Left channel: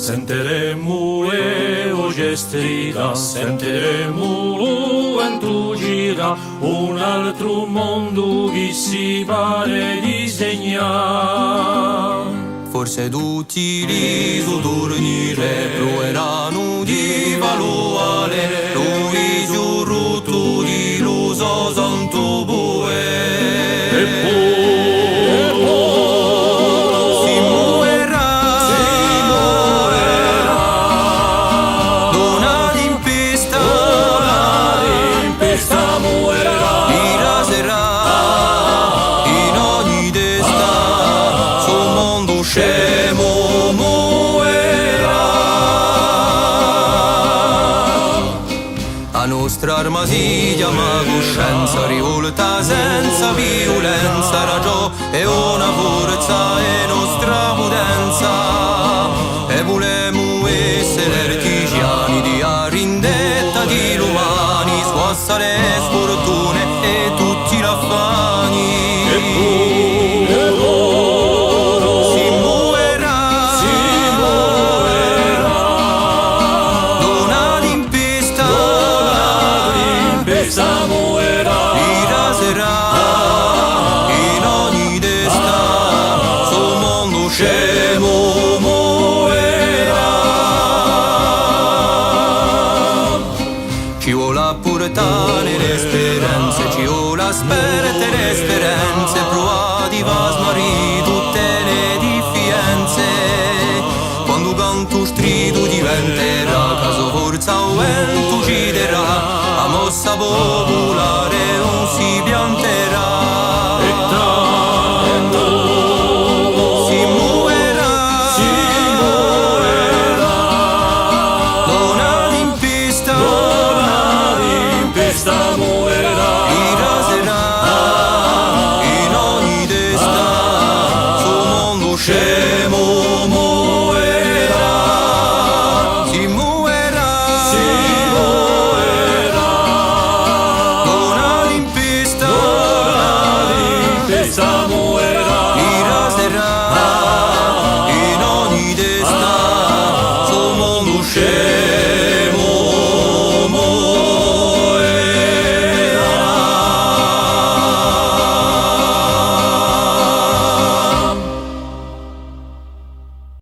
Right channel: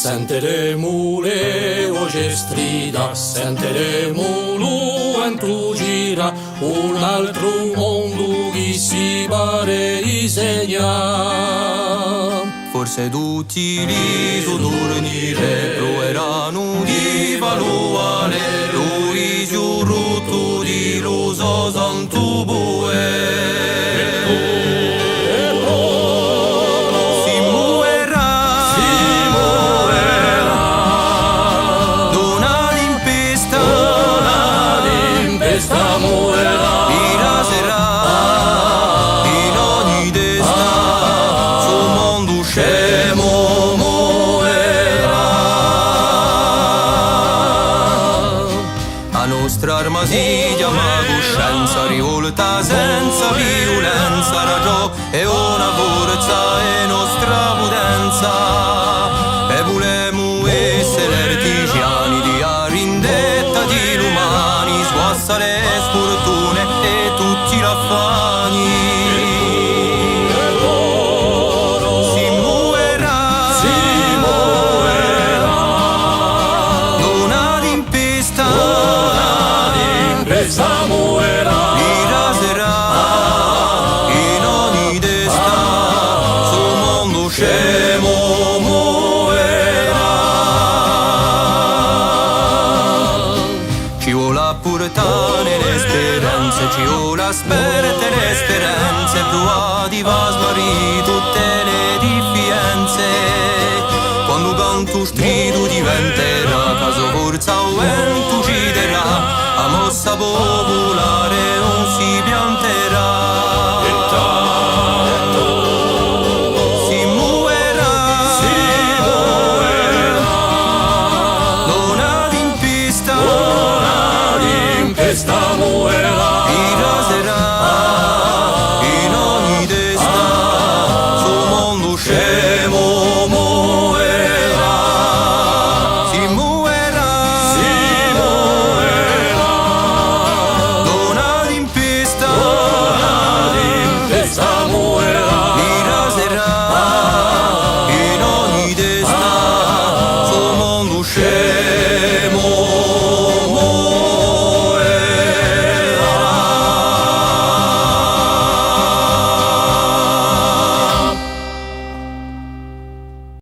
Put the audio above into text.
Sentiremo le voci strida, sentiremo l'uventu gira, un altro mondo che si pare disegnare. Forse tutti li so dormire, proveranno di valuare, lui giù rotto di lo so santo boe. Scemo muoverà. La nostra arma si chiama coscienza, rivolta senza violenza, ragione è una forza e nostra potenza. E volemo essere artigiani di arindetta di l'umani, sguassa le sfortune e tutti gli affani. In ogni desta sul mondo scemo muoverà. Ci vuole portare le speranze, ci vuole asperte le speranze, provati va smarrì tutte le diffidenze. Quando canto strido diventerà, caso forza o vento ucciderà, a mossa popolare non si pianterà. Si muoverà, donna d'impista, muoverà. Mi raserà in ogni desta, sul mondo scemo muoverà. Si